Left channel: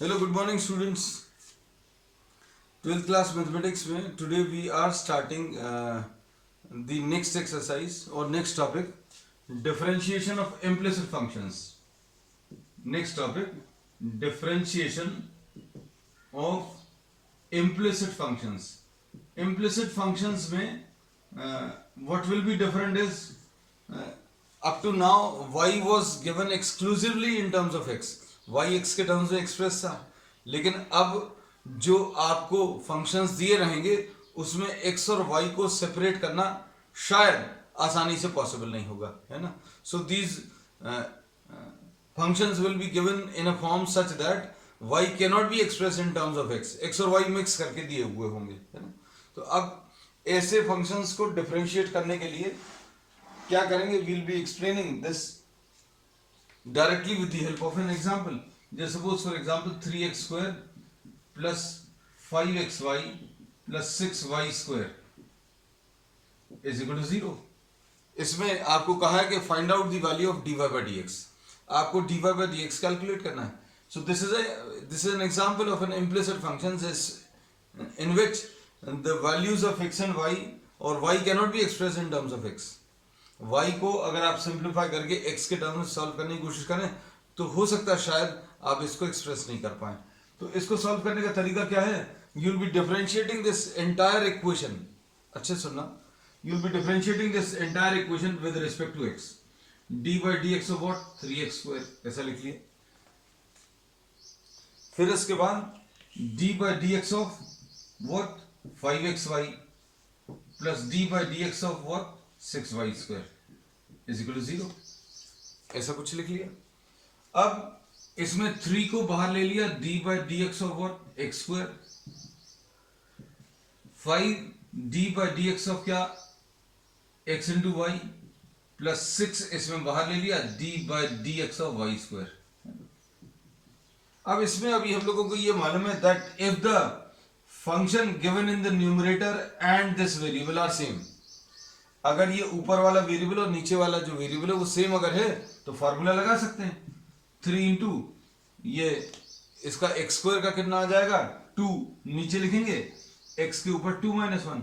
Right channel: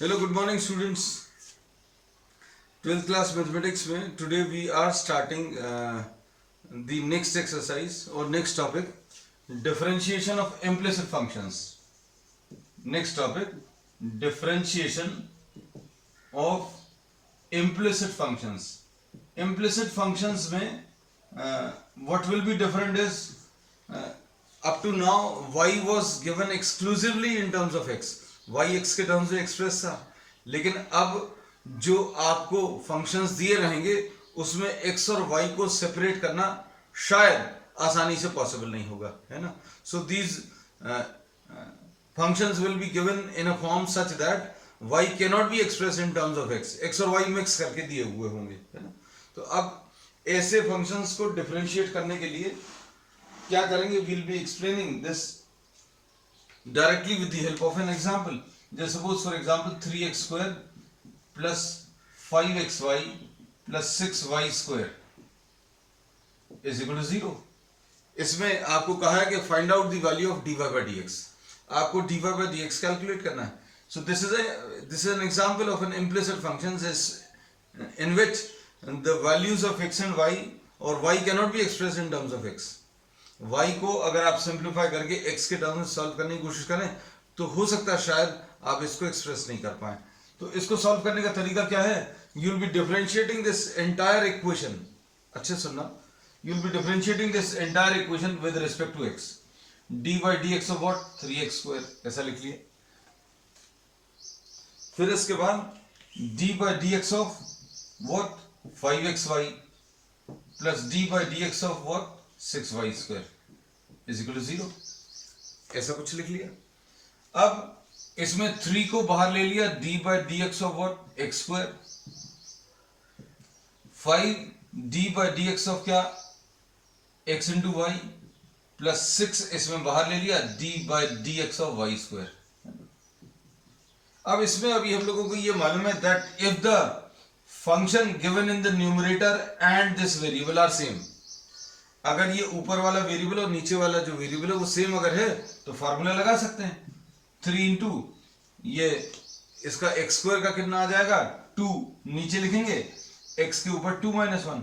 Hello, good morning students. 12th class mathematics में today we are starting the next exercise or next topic, differentiation of implicit functions. Next topic, differentiation of implicit functions. Implicit functions में what will be different is up to now y was given exclusively in terms of x. y x के terms में express था, लेकिन अब जो आपको functions दिए रहेंगे उसमें x और y को सेपरेट करना शायद आसानी से पॉसिबल नहीं होगा, है ना. So these functions will be given in a form such that y cannot be expressed in terms of x. x और y मिक्स करके दिए हुए होंगे, है ना. तो अब ऐसे फंक्शंस को डिफरेंशिएट करने के लिए क्या करेंगे, will be explaining this directly with the help of an example. जैसे suppose for example 3x square plus 5xy plus 6y square is equal to 0. इसमें आपको कहा है कि find out the value of dy by dx. आपको dy by dx calculate करना है. So this is an example of an implicit function in which the values of x and y or y cannot be expressed in terms of x. y को अगर आप simplify करके x के terms में solve करने की कोशिश करें तो हो सकता है शायद आप इसको एक्सप्रेस नहीं कर पाए. तो इसको सॉल्व करने का तरीका क्या है, you will be differentiating this entire equation. अच्छे सुनना, you will be differentiating this entire equation with respect to x. dy by dx of what 3x square, ऐसा लिख लिए. फिर इसके बाद dy by dx of what 5xy plus dy by dx of what 6y square is equal to 0. ऐसा कुछ लिख लिया. अब इसमें 3 को बाहर ले लिया, dy by dx of what x square. 5 dy by dx of क्या x इंटू y प्लस 6 इसमें बाहर ले लिया, dy by dx of y square. अब इसमें अभी हम लोगों को ये मालूम है that if the function given in the numerator and this variable are same, अगर ये ऊपर वाला वेरिएबल और नीचे वाला जो वेरिएबल है वो सेम अगर है तो फॉर्मूला लगा सकते हैं. 3 इंटू ये इसका x स्क्वायर का कितना आ जाएगा 2, नीचे लिखेंगे x के ऊपर 2 माइनस 1,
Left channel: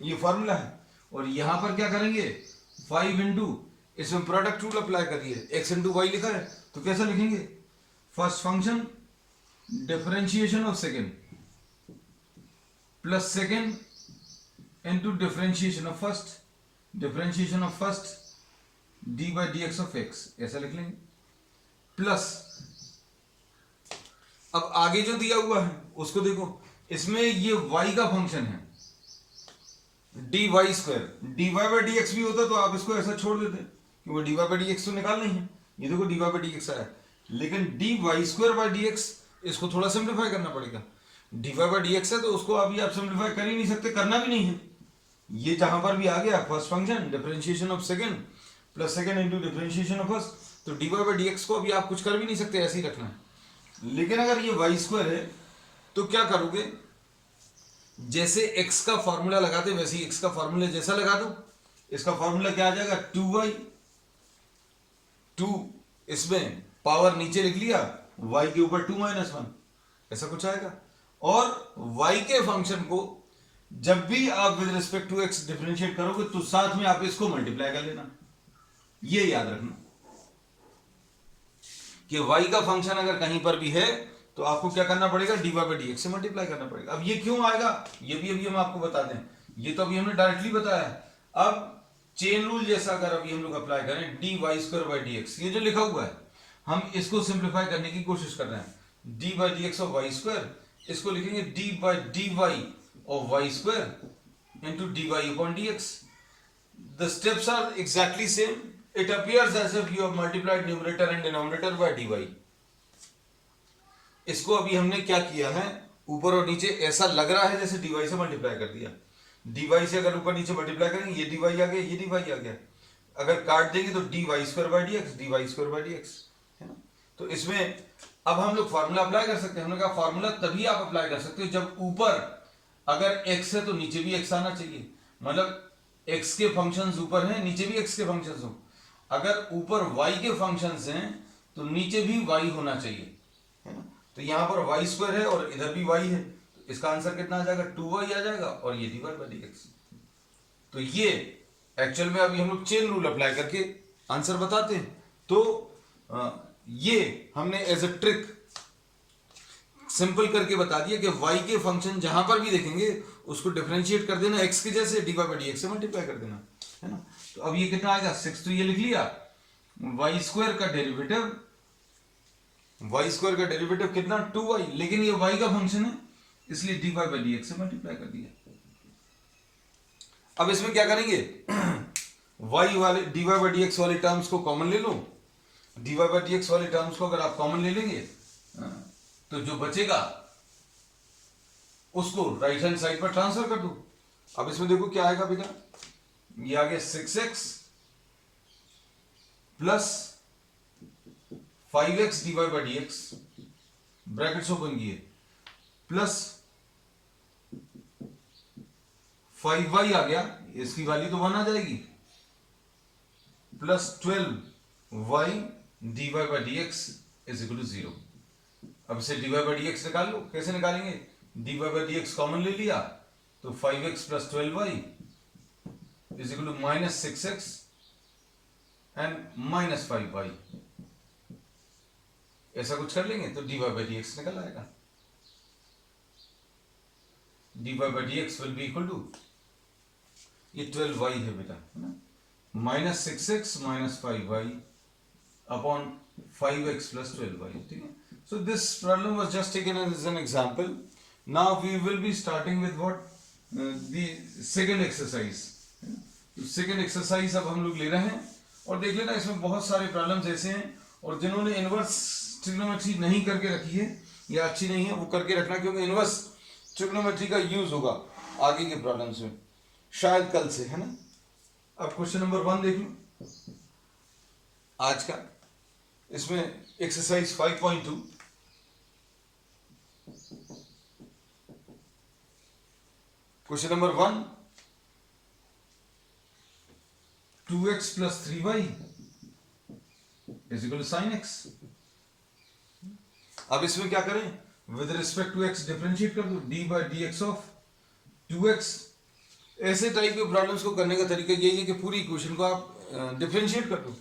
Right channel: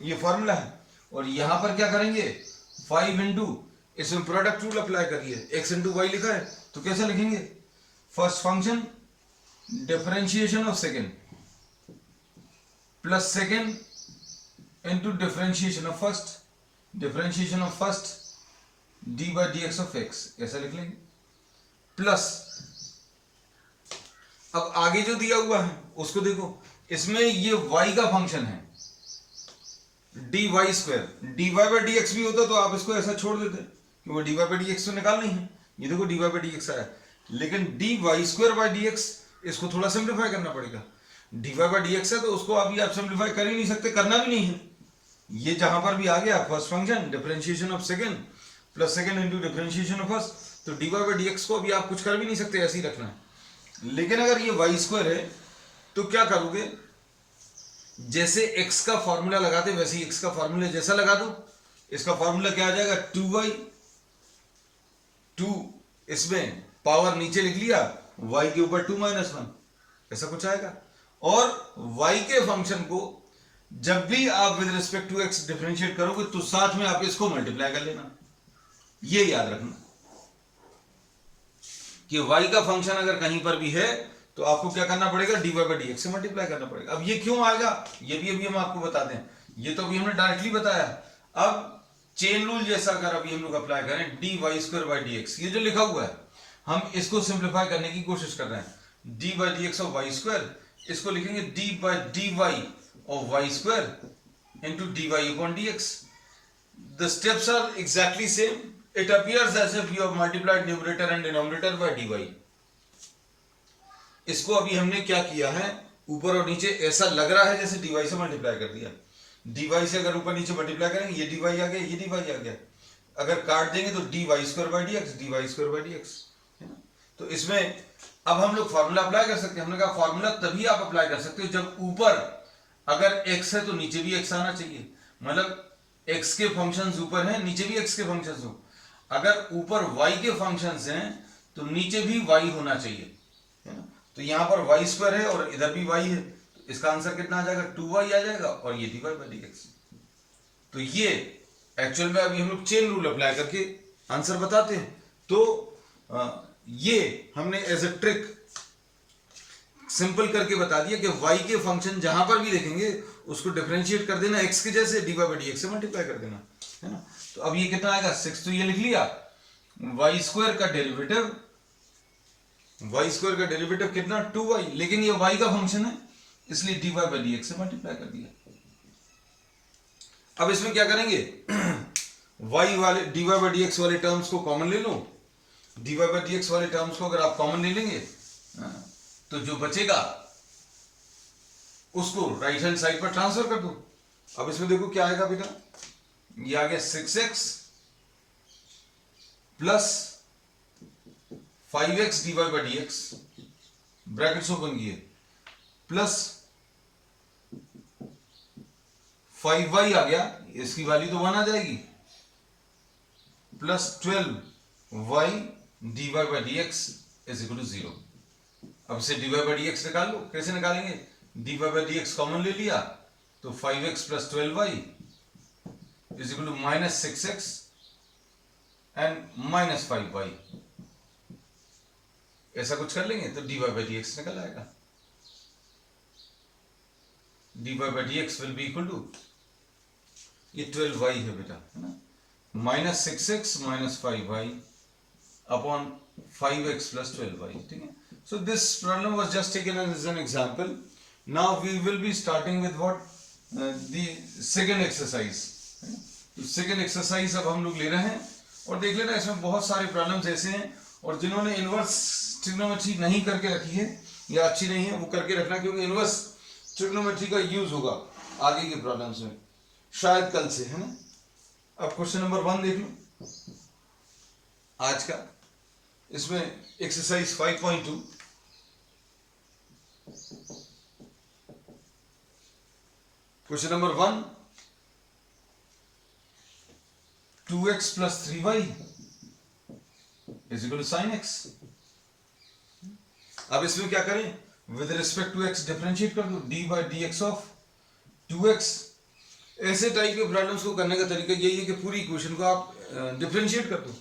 ये फॉर्मूला है. और यहां पर क्या करेंगे 5 इंटू इसमें प्रोडक्ट रूल अप्लाई करिए, x इंटू वाई लिखा है तो कैसा लिखेंगे, first function differentiation of second plus second into differentiation of first dy by dx of x, ऐसा लिख लेंगे. प्लस अब आगे जो दिया हुआ है उसको देखो, इसमें ये y का फंक्शन है dy square. dy by dx भी होता तो आप इसको ऐसा छोड़ देते कि वो dy by dx तो निकालना ही है. ये देखो dy by dx आया, लेकिन dy स्क्वायर by dx इसको थोड़ा सिंप्लीफाई करना पड़ेगा. dy by dx है तो उसको अभी आप सिंप्लीफाई कर ही नहीं सकते, करना भी नहीं है. ये जहां पर भी आ गया first function differentiation of second plus second into differentiation of first, तो dy by dx को अभी आप कुछ कर भी नहीं सकते, ऐसे ही रखना है. लेकिन अगर ये y स्क्वायर है तो क्या करोगे, जैसे x का फॉर्मूला लगाते वैसे ही x का फॉर्मूला जैसा लगा दो. इसका फॉर्मूला क्या आ जाएगा 2y, 2 इसमें पावर नीचे लिख लिया, y के ऊपर 2 माइनस 1, ऐसा कुछ आएगा. और y के फंक्शन को जब भी आप with respect to x differentiate करोगे तो साथ में आप इसको मल्टीप्लाई कर लेना. ये याद रखना कि y का फंक्शन अगर कहीं पर भी है तो आपको क्या करना पड़ेगा, dy by dx से मल्टीप्लाई करना पड़ेगा. अब ये क्यों आएगा ये भी अभी हम आपको बताते हैं, ये तो अभी हमने डायरेक्टली बताया. अब चेन रूल जैसा अगर अभी हम लोग अप्लाई करें dy स्क्वायर बाई dx, ये जो लिखा हुआ है हम इसको सिंप्लीफाई करने की कोशिश कर रहे हैं. dy by dx of y square, इसको लिखेंगे dy by dy of y square into dy upon dx. The steps are exactly same. It appears as if you have multiplied numerator and denominator by dy. इसको अभी हमने क्या किया है, ऊपर और नीचे ऐसा लग रहा है जैसे dy से मल्टीप्लाई कर दिया. dy से अगर ऊपर नीचे मल्टीप्लाई करेंगे ये dy आ गया, ये dy आ गया. अगर काट देंगे तो dy square by dx, dy square by dx, है ना. तो इसमें अब हम लोग फॉर्मूला अप्लाई कर सकते हैं. हमने कहा फॉर्मूला तभी आप अप्लाई कर सकते हो जब ऊपर अगर x है तो नीचे भी x आना चाहिए, मतलब x के फंक्शंस ऊपर हैं नीचे भी x के फंक्शंस हो. अगर ऊपर y के फंक्शंस हैं तो नीचे भी y होना चाहिए, है ना. तो यहाँ पर वाई स्क्वायर है और इधर भी वाई है, तो इसका आंसर कितना आ जाएगा, 2y आ जाएगा, और ये dy बाई डी एक्स। तो ये एक्चुअल में अभी हम लोग चेन रूल अप्लाई करके आंसर बताते हैं। तो ये हमने एज अ ट्रिक सिंपल करके बता दिया कि y के फंक्शन जहां पर भी देखेंगे उसको डिफरेंशिएट कर देना x के जैसे, dy बाई डी एक्स से मल्टीप्लाई कर देना, है ना। तो अब ये कितना आएगा 6, तो ये लिख लिया, वाई स्क्वायर का डेरिवेटिव कितना 2y, लेकिन ये y का फंक्शन है इसलिए dy बाई डी एक्स से मल्टीप्लाई कर दिया। अब इसमें क्या करेंगे, y वाले dy बाई डी एक्स वाले टर्म्स को कॉमन ले लो, dy बाई डी एक्स वाले टर्म्स को अगर आप कॉमन ले लेंगे तो जो बचेगा उसको राइट हैंड साइड पर ट्रांसफर कर दो। अब इसमें देखो क्या आएगा बेटा, ये आ गया 6x plus 5x dy by D x, brackets open किए, प्लस 5y आ गया, इसकी वैल्यू तो 1 आ जाएगी, plus 12y dy by D x is equal to 0। अब इसे dy बाई डी एक्स निकाल लो, कैसे निकालेंगे, dy by D x common ले लिया तो 5x plus 12y is equal to minus 6x and minus 5y, ऐसा कुछ कर लेंगे तो dy बाई डी एक्स निकल आएगा। dy by D x will be equal to, ये 12y है बेटा, है ना, minus 6x minus 5y upon 5x plus 12y, ठीक है। So this problem was just taken as an example. Now we will be starting with what, the second exercise, है ना। तो second exercise अब हम लोग ले रहे हैं, और देख लेना इसमें बहुत सारे प्रॉब्लम्स ऐसे हैं, और जिन्होंने इनवर्स ट्रिग्नोमेट्री नहीं करके रखी है या अच्छी नहीं है वो करके रखना, क्योंकि इनवर्स ट्रिग्नोमेट्री का यूज होगा आगे के प्रॉब्लम्स में, शायद कल से, है ना। अब क्वेश्चन नंबर 1 देख लो आज का, इसमें exercise 5.2, question number 1, 2x plus 3y is equal to sine x। अब इसमें क्या करें, with respect to x differentiate कर दो, d by D x of 2x। ऐसे टाइप के प्रॉब्लम्स को करने का तरीका यही है कि पूरी इक्वेशन को आप डिफरेंशिएट कर दो,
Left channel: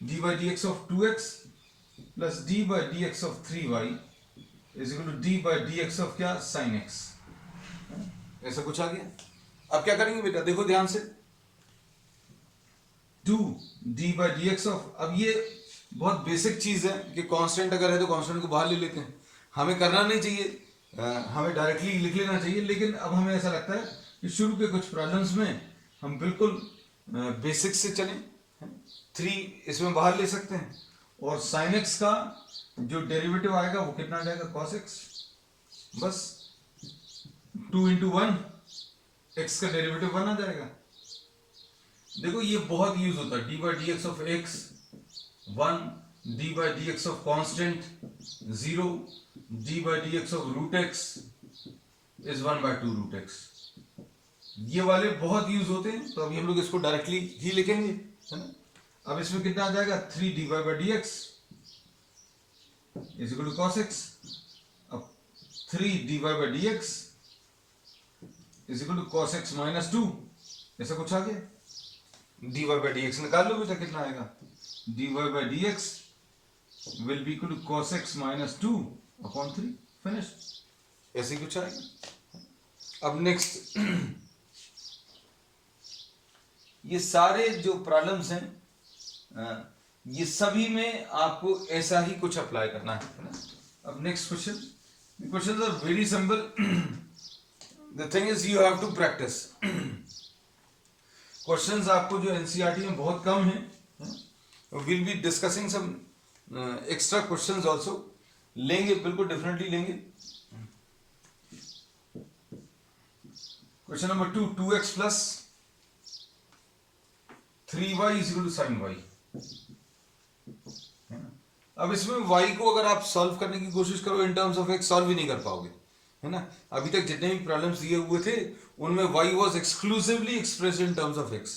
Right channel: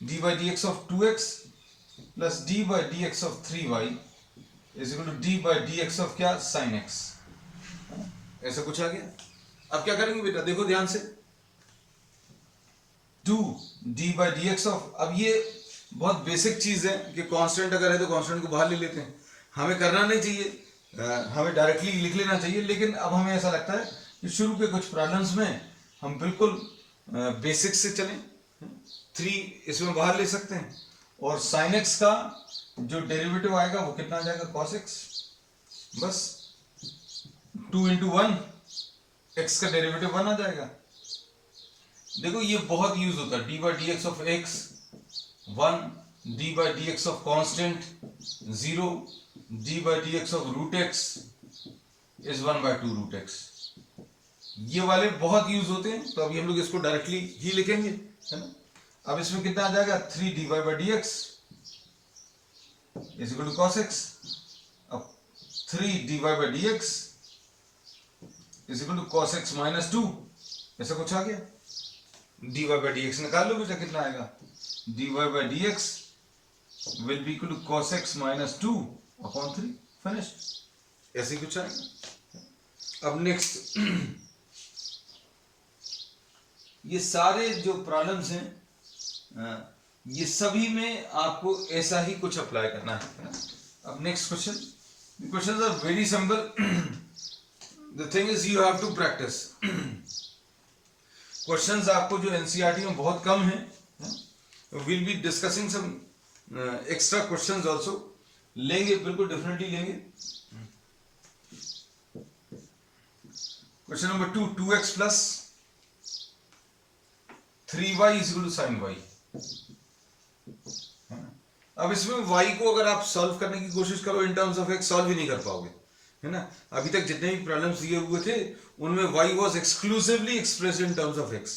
d by D x of 2x plus D by D x of 3y is equal to D by D x of क्या, साइन x। ऐसा कुछ आ गया। अब क्या करेंगे बेटा, देखो ध्यान से, 2 D by D x of, अब ये बहुत बेसिक चीज है कि कांस्टेंट अगर है तो कांस्टेंट को बाहर ले लेते हैं, हमें करना नहीं चाहिए, हमें डायरेक्टली लिख लेना चाहिए, लेकिन अब हमें ऐसा लगता है कि शुरू के कुछ प्रॉब्लम्स में हम बिल्कुल बेसिक से चलें, 3 इसमें बाहर ले सकते हैं, और साइन एक्स का जो डेरिवेटिव आएगा वो कितना आ जाएगा, कॉस एक्स, बस 2 इंटू 1, एक्स का डेरिवेटिव 1 आ जाएगा। देखो ये बहुत यूज होता है, d by D x of x 1, d by D x of constant 0, d by D x of root x is 1 by 2 root x. ये वाले बहुत यूज होते हैं, तो अभी हम लोग इसको डायरेक्टली ही लिखेंगे, है ना। अब इसमें कितना आ जाएगा, 3 d Y by D x is equal to cos x. अब 3 d Y by D x is equal to cos x minus 2, ऐसा कुछ आ गया। D Y by D x निकाल लो बेटा, कितना आएगा, d Y by D x will be equal to cos x minus 2 upon 3, finished, ऐसे ही कुछ आएगा। अब नेक्स्ट ये सारे जो प्रॉब्लम्स हैं ये सभी में आपको ऐसा ही कुछ अप्लाई करना है ना। अब next question, questions are very simple, the thing is you have to practise. Questions आपको जो एनसीईआरटी में बहुत कम है, will be discussing some extra questions also, लेंगे बिल्कुल डेफिनेटली लेंगे। Question number 2, 2x plus 3y is equal to sine y। अब इसमें y को अगर आप सॉल्व करने की कोशिश करो in terms of x, solve ही नहीं कर पाओगे, है ना। अभी तक जितने भी प्रॉब्लम्स दिए हुए थे उनमें y was exclusively expressed in terms of x,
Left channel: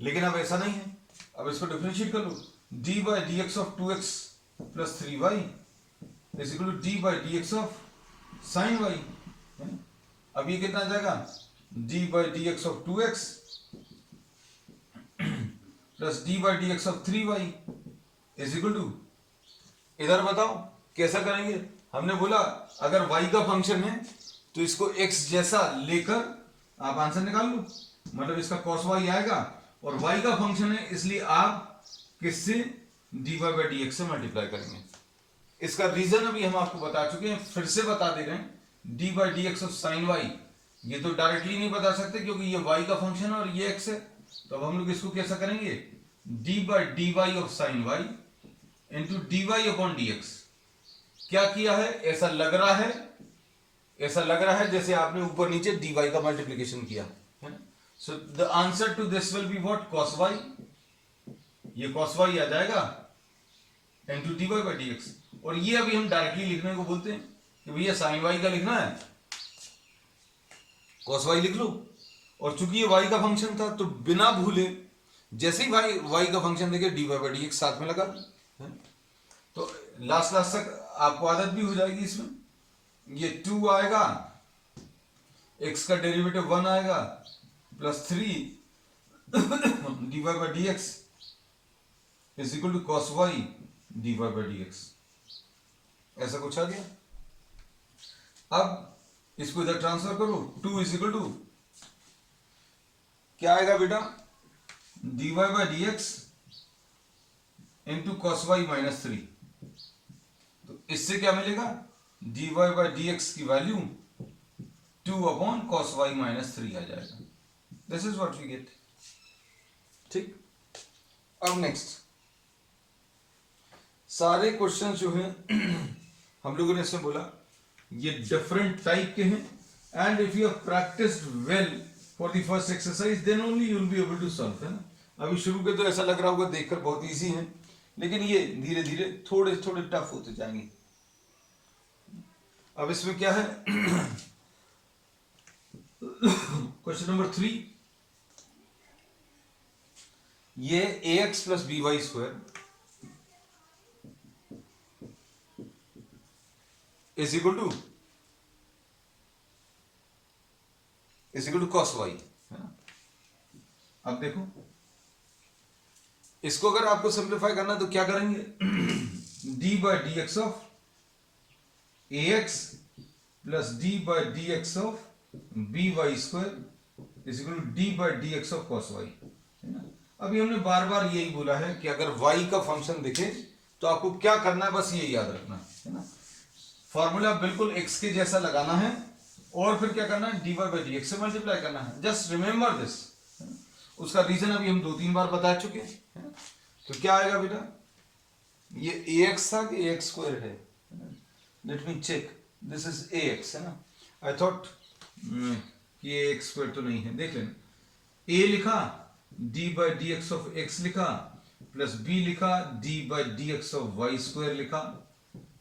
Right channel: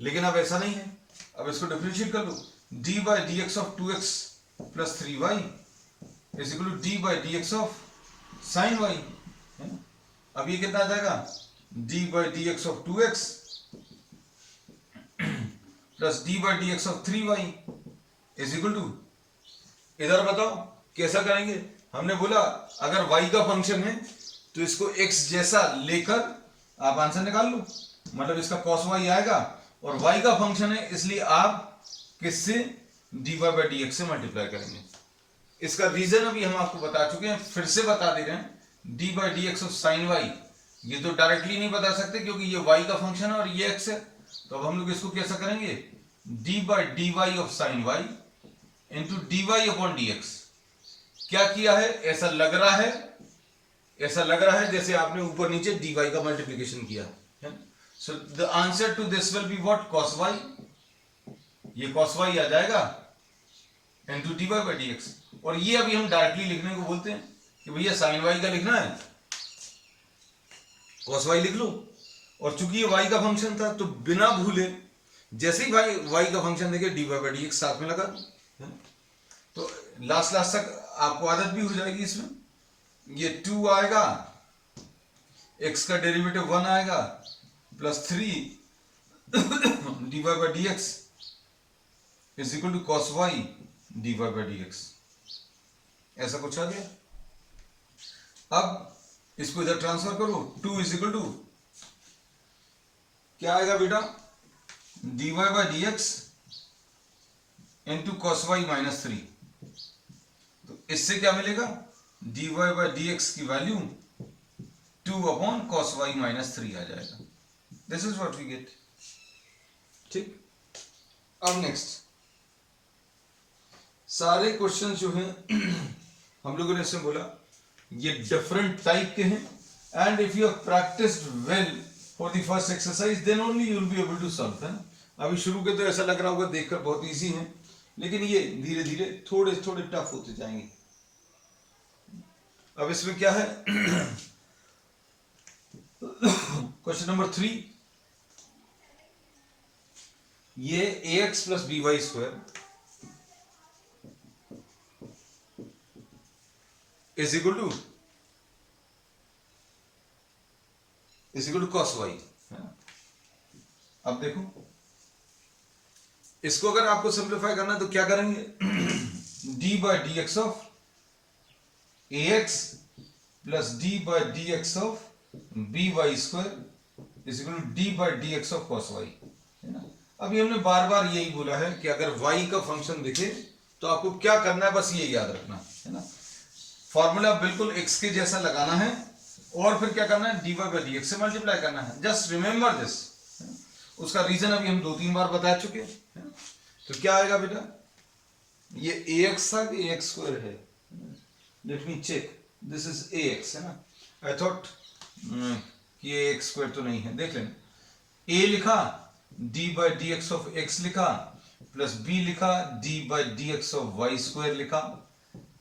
लेकिन अब ऐसा नहीं है। अब इसको डिफरेंशिएट कर लो, d by D x of 2x plus 3y is equal to D by D x of sine Y, है ना। अब ये कितना आ जाएगा, d by D x of 2x plus D by D x of 3y is equal to, इधर बताओ कैसा करेंगे। हमने बोला अगर y का फंक्शन है तो इसको x जैसा लेकर आप आंसर निकाल लो, मतलब इसका cos y आएगा, और y का फंक्शन है इसलिए आप किससे, dy बाई डी एक्स से मल्टीप्लाई करेंगे। इसका रीजन अभी हम आपको बता चुके हैं, फिर से बता दे रहे हैं। D by D x of sine y, ये तो डायरेक्टली नहीं बता सकते क्योंकि ये y का फंक्शन है और ये x है, तो अब हम लोग इसको कैसा करेंगे, d by D Y of sine y into D y upon d x. क्या किया है, ऐसा लग रहा है जैसे आपने ऊपर नीचे dy का मल्टीप्लिकेशन किया है। So the answer to this will be what, cos y, ये cos y आ जाएगा into dy by D x. और ये अभी हम डायरेक्टली लिखने को बोलते हैं कि भैया साइन y का लिखना है, cos y लिख लो। और चूंकि ये y का फंक्शन था तो बिना भूले जैसे ही y का फंक्शन देखे dy बाई डी एक्स साथ में लगा दो, तो लास्ट तक आपको आदत भी हो जाएगी इसमें। ये 2 आएगा, x का डेरिवेटिव 1 आएगा, plus 3 dy by D x is equal to cos y dy by D x, ऐसा कुछ आ गया। अब इसको इधर ट्रांसफर करो, 2 इज इक्वल टू क्या आएगा बेटा, dy by D x into cos y minus 3। तो इससे क्या मिलेगा, dy बाई डी एक्स की value 2 upon cos y minus 3 आ जाएगा। This is what we get, ठीक। अब नेक्स्ट सारे क्वेश्चन जो हैं हम लोगों ने इसमें बोला ये डिफरेंट टाइप के हैं, and if you have practised well for the first exercise then only you will be able to solve, है ना। अभी शुरू के तो ऐसा लग रहा होगा देखकर बहुत इजी है, लेकिन ये धीरे धीरे थोड़े थोड़े टफ होते जाएंगे। अब इसमें क्या है क्वेश्चन नंबर 3, ये ax plus b y square is equal to cos y, है ना। अब देखो इसको अगर आपको सिंप्लीफाई करना है तो क्या करेंगे, d by D x of ax plus D by D x of b y square is equal to D by D x of cos y, है ना। अभी हमने बार बार यही बोला है कि अगर y का फंक्शन दिखे तो आपको क्या करना है, बस ये याद रखना है ना। फॉर्मूला बिल्कुल x के जैसा लगाना है और फिर क्या करना है, dy बाई डी एक्स से मल्टीप्लाई करना है। जस्ट रिमेंबर दिस, उसका रीजन अभी हम 2-3 बार बता चुके हैं। तो क्या आएगा बेटा, ये ax था कि ax स्क्वायर है, let me check, this is ax, है ना। आई थॉट कि ax स्क्वायर तो नहीं है, देख लेना। a लिखा, d by D x of x लिखा, प्लस b लिखा, d by D x of y square लिखा,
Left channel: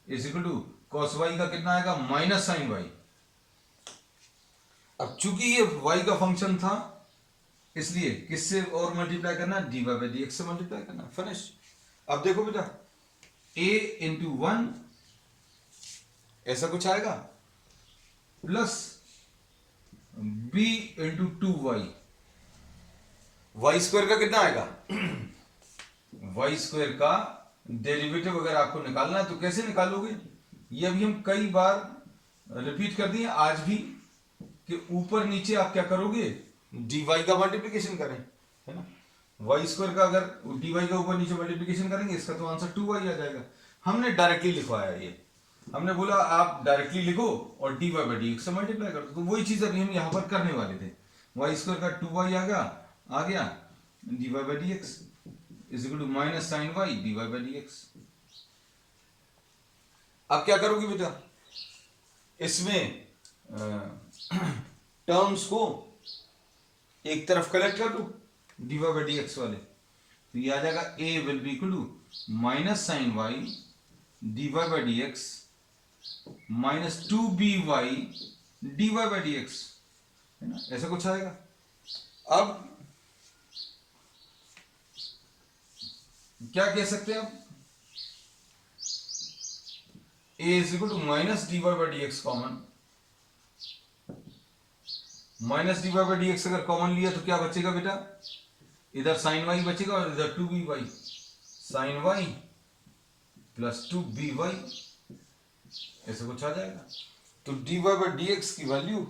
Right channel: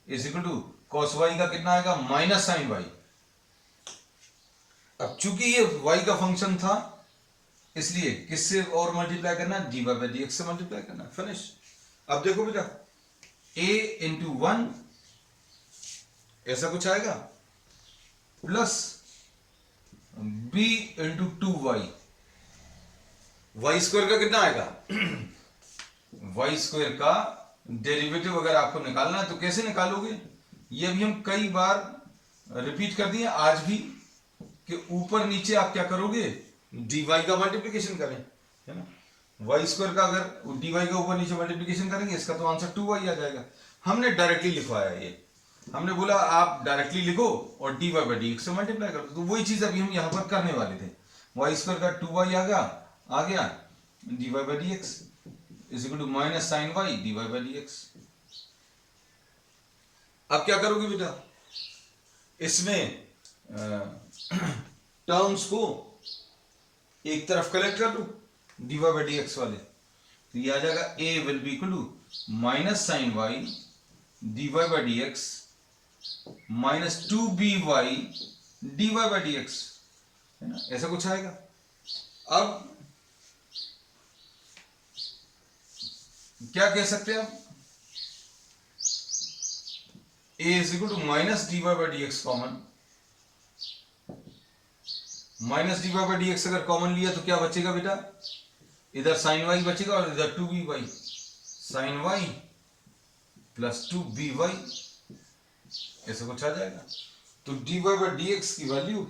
is equal to cos y का कितना आएगा, माइनस साइन y। अब चूंकि ये y का फंक्शन था इसलिए किससे और मल्टीप्लाई करना, dy बाई डी एक्स से मल्टीप्लाई करना, फिनिश। अब देखो बेटा a इंटू 1 ऐसा कुछ आएगा, plus b into 2y, y square का कितना आएगा, वाई स्क्वायर का डेरिवेटिव अगर आपको निकालना है तो कैसे निकालोगे, ये अभी हम कई बार रिपीट कर दिए आज भी, कि ऊपर नीचे आप क्या करोगे, dy का मल्टीप्लिकेशन करें, है ना। वाई स्क्वायर का अगर dy का ऊपर नीचे मल्टीप्लिकेशन करेंगे इसका तो आंसर 2y आ जाएगा। हमने डायरेक्टली लिखवाया, ये हमने बोला आप डायरेक्टली लिखो और dy बाई डी एक्स से मल्टीप्लाई कर दो, तो वही चीज अभी हम यहां पर करने वाले थे। वाई स्क्वायर का 2y आ गया dy by D x is equal to minus sine y dy by D x. अब क्या करोगे बेटा, इसमें टर्म्स को एक तरफ कलेक्ट कर लो dy बाई डी एक्स वाले, तो ये आ जाएगा a will be equal to minus sine y dy by D x minus 2by dy by D x, है ना, ऐसा कुछ आएगा। अब क्या कह सकते हैं, आप A is equal to minus D Y by D x common, minus D Y by D x अगर कॉमन लिया तो क्या बचेगा बेटा, इधर साइन वाई बचेगा और इधर 2by, sign y plus 2by, ऐसा कुछ आ जाएगा। तो dy बाई डी एक्स की value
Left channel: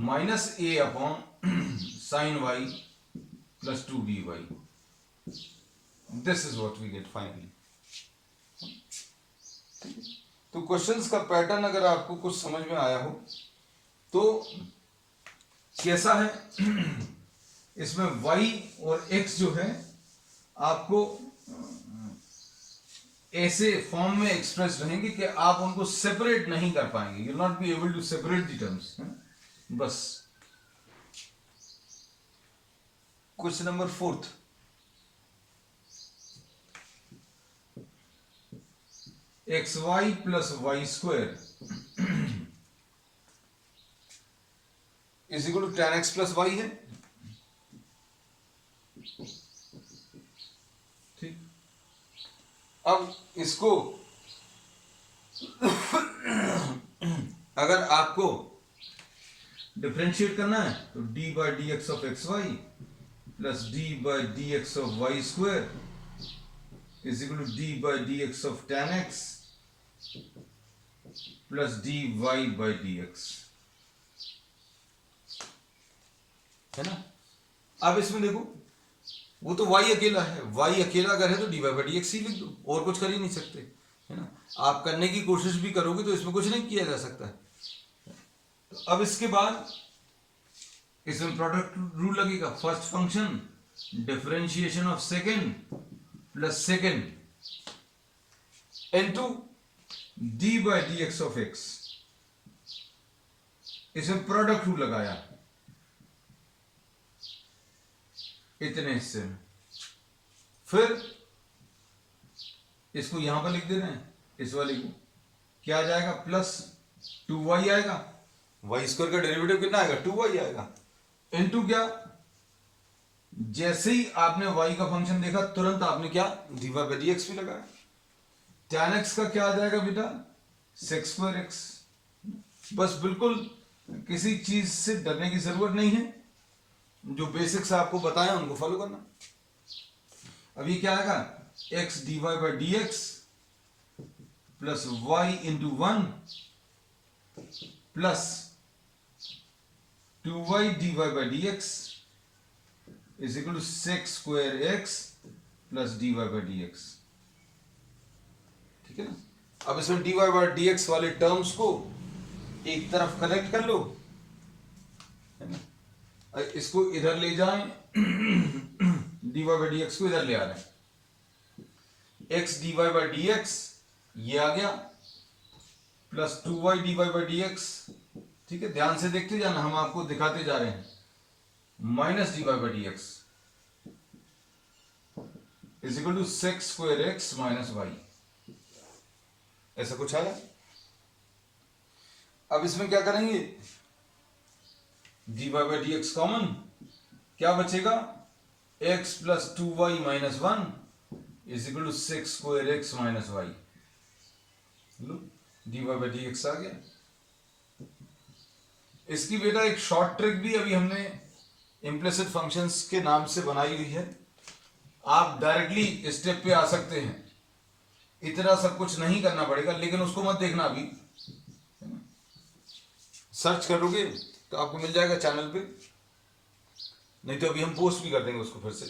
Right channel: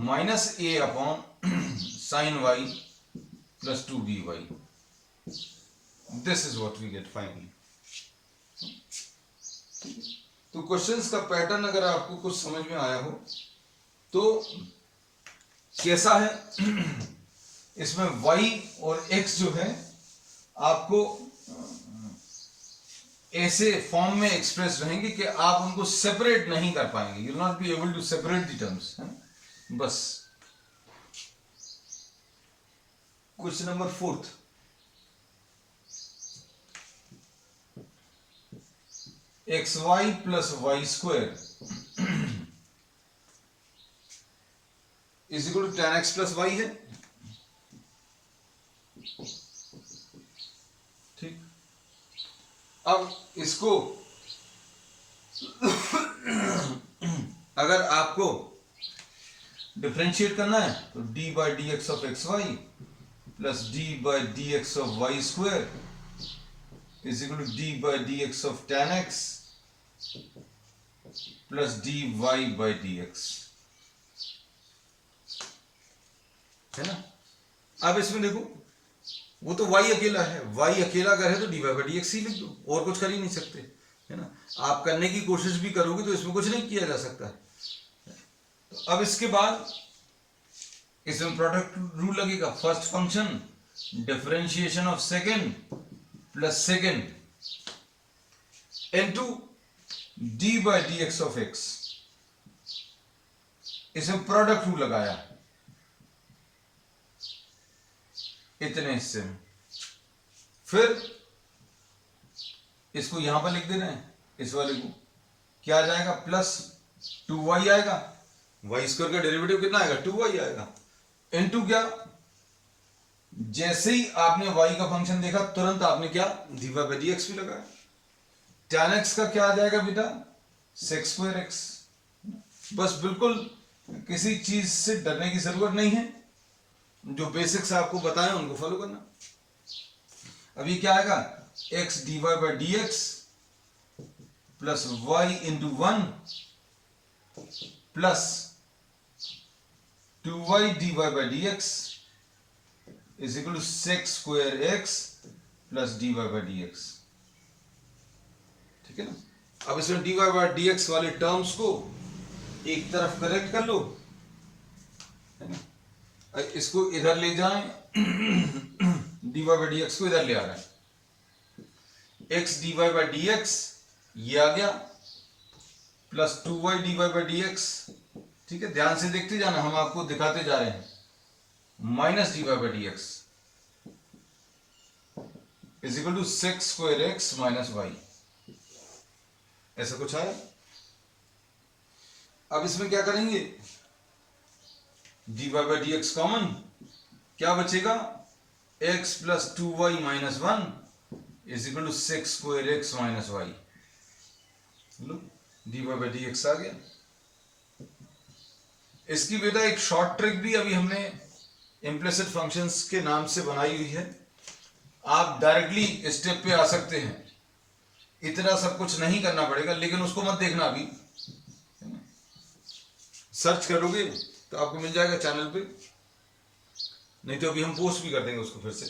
minus a upon sine y plus 2by, this is what we get finally. तो क्वेश्चंस का पैटर्न अगर आपको कुछ समझ में आया हो तो कैसा है, इसमें y और x जो है आपको ऐसे फॉर्म में एक्सप्रेस रहेंगे कि आप उनको सेपरेट नहीं कर पाएंगे, you will not be able to separate the terms, बस। Question number 4, X Y plus Y square is equal to tan x plus Y है, ठीक। अब इसको अगर आपको डिफरेंशिएट करना है तो d by D x of x Y plus d by D x of y square is equal to d by D x of tan x plus dy by D x, है ना। अब इसमें देखो वो तो y अकेला है, y अकेला अगर है तो dy बाई डी एक्स ही लिख दो, और कुछ कर ही नहीं सकते, है ना। आप करने की कोशिश भी करोगे तो इसमें कुछ नहीं किया जा सकता है। तो अब इसके बाद इसमें प्रोडक्ट रूल लगेगा, first function differentiation of second plus second into D by D x of x, इसमें प्रोडक्ट रूल लगाया इतने हिस्से में, फिर इसको यहां पर लिख दे रहे हैं, इस वाले को क्या आ जाएगा, प्लस 2y आएगा, वाई स्क्वायर का डेरिवेटिव कितना आएगा, 2y आएगा, इनटू क्या, जैसे ही आपने y का फंक्शन देखा तुरंत आपने क्या dy बाई डी एक्स भी लगाया, tan x का क्या आ जाएगा बेटा, sec स्क्वायर x, बस बिल्कुल किसी चीज से डरने की जरूरत नहीं है, जो बेसिक्स आपको बताएं उनको फॉलो करना। अब ये क्या आएगा, x dy by D x plus y into 1 plus 2y dy by D x is equal to sec square x plus dy by D x, ठीक है ना। अब इसमें dy बाई डी एक्स वाले टर्म्स को एक तरफ कलेक्ट कर लो, है ना, इसको इधर ले जाएं dy बाई डी एक्स को इधर ले आ रहे हैं, x dy by D x ये आ गया plus 2y dy by D x, ठीक है, ध्यान से देखते जाना, हम आपको दिखाते जा रहे हैं, minus dy by D x is equal to sec square x minus Y, ऐसा कुछ आया। अब इसमें क्या करेंगे, dy by D x common, क्या बचेगा, x plus 2y minus 1 is equal to sec square x minus Y, लो dy बाई डी एक्स आ गया। इसकी बेटा एक शॉर्ट ट्रिक भी अभी हमने इम्प्लिसिट फंक्शंस के नाम से बनाई हुई है, आप डायरेक्टली स्टेप पे आ सकते हैं, इतना सब कुछ नहीं करना पड़ेगा, लेकिन उसको मत देखना अभी, सर्च करोगे तो आपको मिल जाएगा चैनल पे, नहीं तो अभी हम पोस्ट भी कर देंगे उसको फिर से।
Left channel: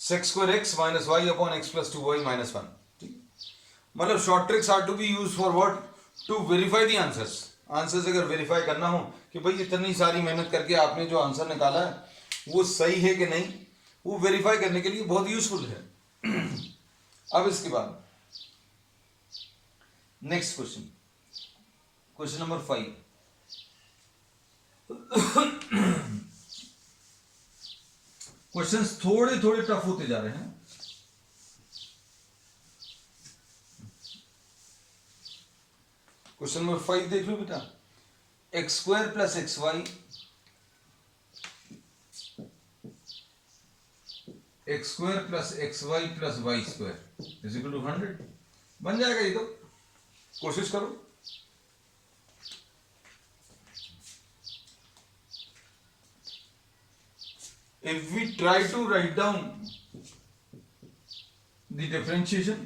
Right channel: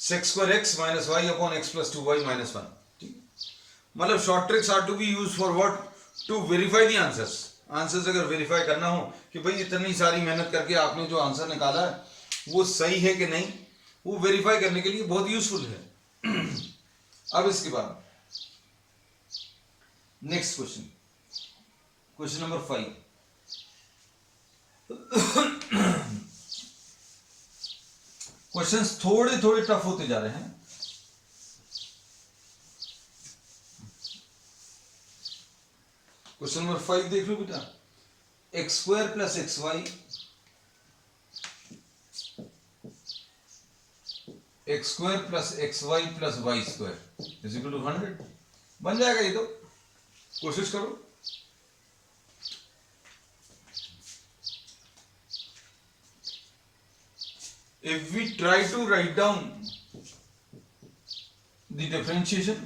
sec square x minus y upon x plus 2y minus 1, ठीक, मतलब short tricks are to be use for what, to verify the answers, answers अगर वेरीफाई करना हो कि भाई इतनी सारी मेहनत करके आपने जो आंसर निकाला है वो सही है कि नहीं, वो वेरीफाई करने के लिए बहुत यूजफुल है। अब इसके बाद next question, question number 5, questions थोड़े थोड़े टफ होते जा रहे हैं। क्वेश्चन नंबर 5 देख लो बेटा, x square plus x y x square plus x Y plus Y square is equal to 100 बन जाएगा ये तो। कोशिश करो। If we try to write down the differentiation,